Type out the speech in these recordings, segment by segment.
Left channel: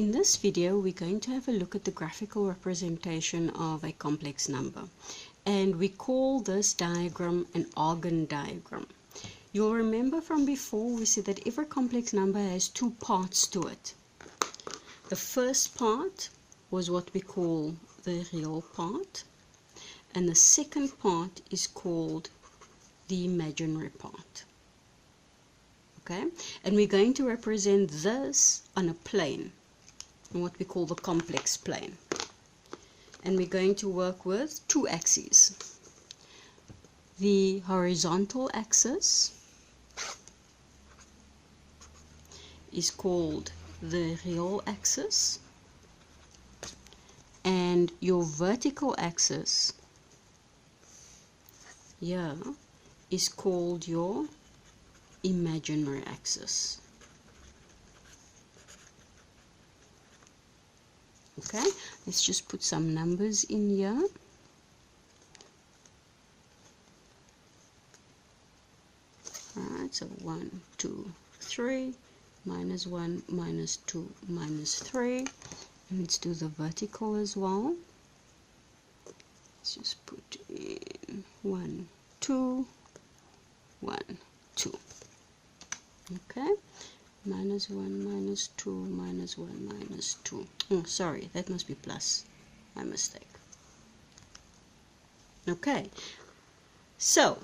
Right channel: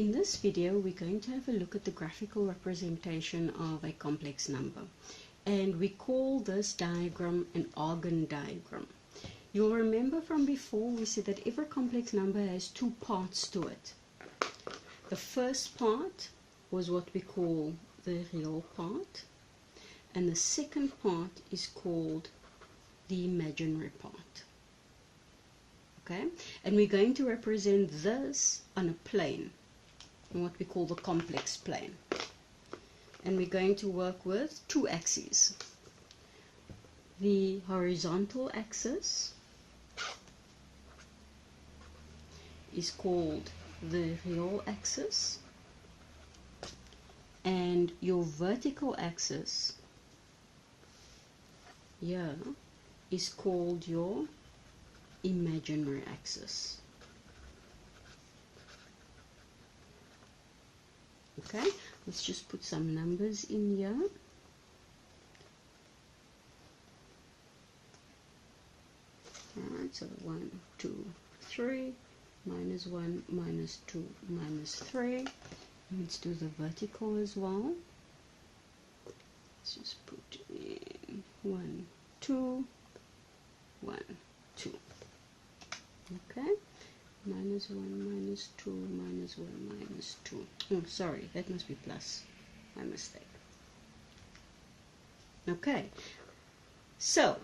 In this video, we're going to have a look at the graphical representation of a complex number. And we call this diagram an Argand diagram. You'll remember from before we said that every complex number has two parts to it. The first part was what we call the real part. And the second part is called the imaginary part. Okay? And we're going to represent this on a plane, on what we call the complex plane. And we're going to work with two axes. The horizontal axis is called the real axis, and your vertical axis here is called your imaginary axis. Okay, let's just put some numbers in here. Alright, so 1, 2, 3, minus 1, minus 2, minus 3. And let's do the vertical as well. Let's just put in 1, 2, 1, 2. Okay, minus 1, minus 2, minus 1, minus 2. Oh, sorry, that must be plus. My mistake. Okay, so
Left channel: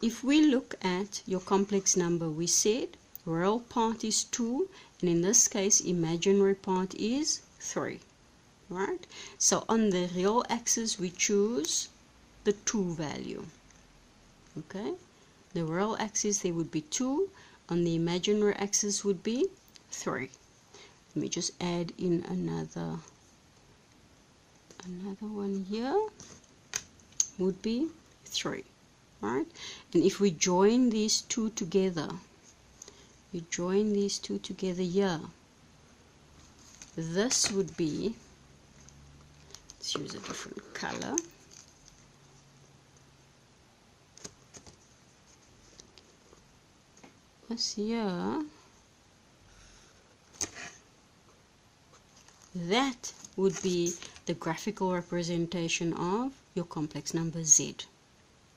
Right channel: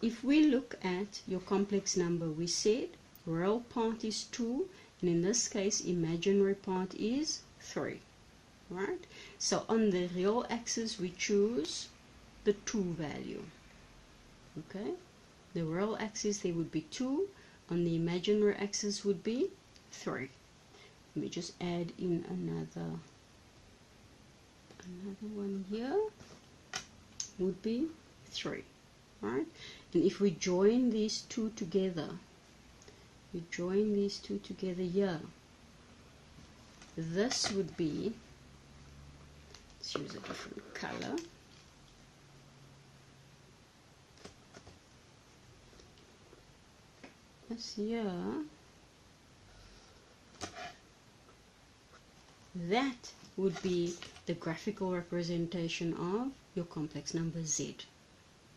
if we look at your complex number, we said real part is 2, and in this case, imaginary part is 3. Right? So on the real axis, we choose the 2 value. Okay, the real axis there would be 2. On the imaginary axis would be 3. Let me just add in another one here. Would be 3. Right? And if we join these two together, here, this would be, let's use a different color. This here, that would be the graphical representation of your complex number Z.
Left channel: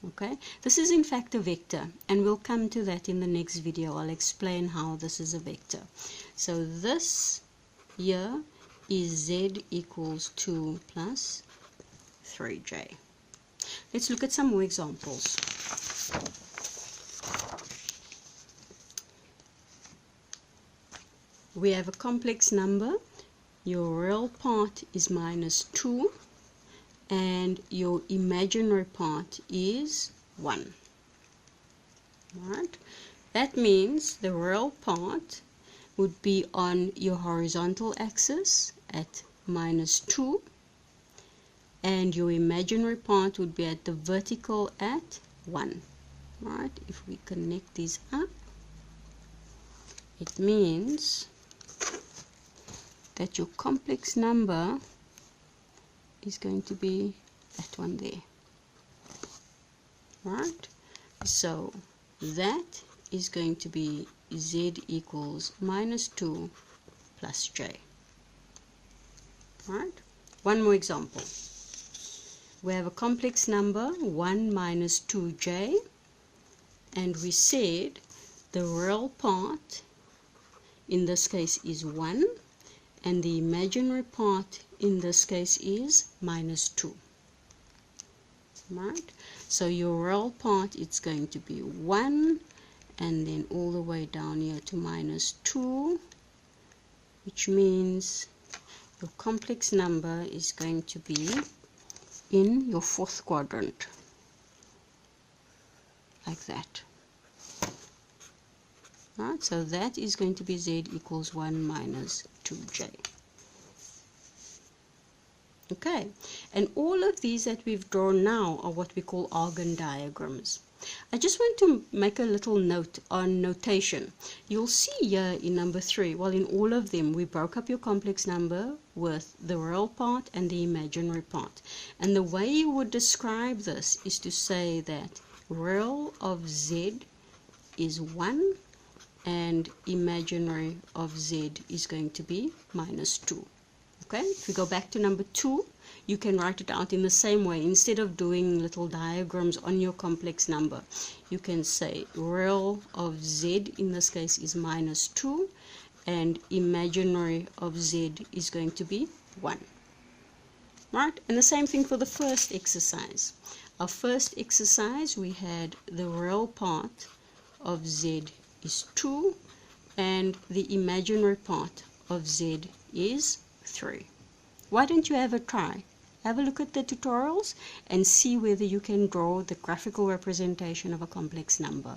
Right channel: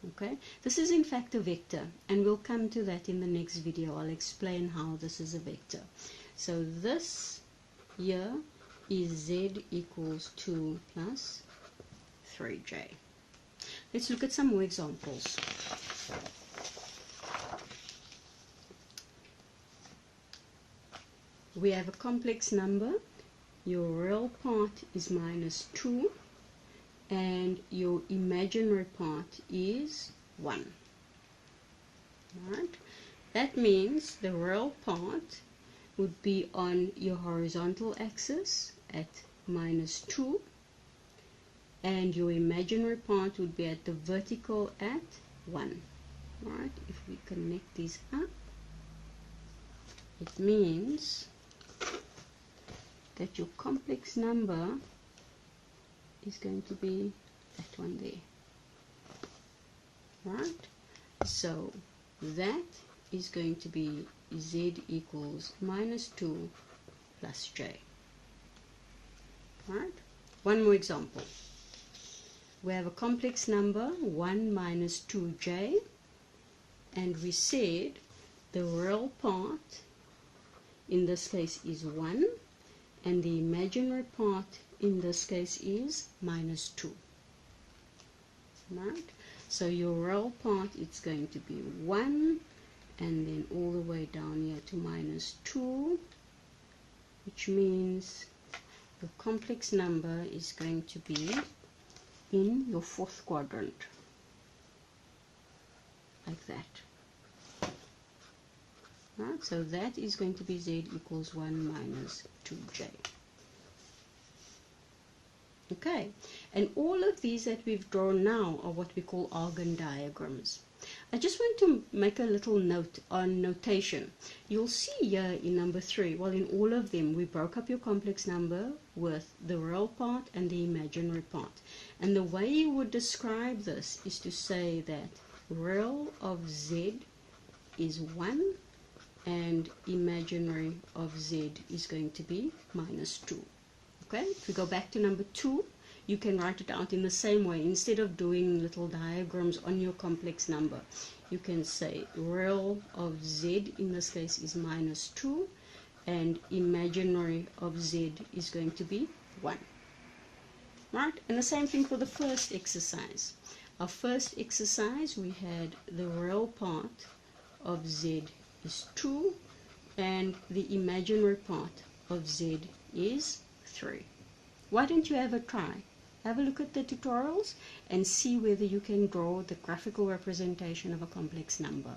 Okay, this is in fact a vector, and we'll come to that in the next video. I'll explain how this is a vector. So this here is Z equals 2 plus 3J. Let's look at some more examples. We have a complex number. Your real part is minus 2, and your imaginary part is 1. Right? That means the real part would be on your horizontal axis at minus 2, and your imaginary part would be at the vertical at 1. Right? If we connect these up, it means that your complex number is going to be that one there. Right? So that is going to be Z equals minus 2 plus J. Right? One more example. We have a complex number 1 minus 2J, and we said the real part in this case is 1, and the imaginary part in this case is minus 2. Right? So your real part, it's going to be 1, and then all the way down here to minus 2, which means your complex number is going to be in your 4th quadrant, like that. Right? So that is going to be Z equals 1 minus 2J. Okay, and all of these that we've drawn now are what we call Argand diagrams. I just want to make a little note on notation. You'll see here in number 3, well, in all of them, we broke up your complex number with the real part and the imaginary part. And the way you would describe this is to say that real of Z is 1 and imaginary of z is going to be minus 2. Okay, if we go back to number 2, you can write it out in the same way. Instead of doing little diagrams on your complex number, you can say real of z in this case is minus 2 and imaginary of z is going to be 1. Right, and the same thing for the first exercise. Our first exercise, we had the real part of z is 2 and the imaginary part of z is 3. Why don't you have a try? Have a look at the tutorials and see whether you can draw the graphical representation of a complex number.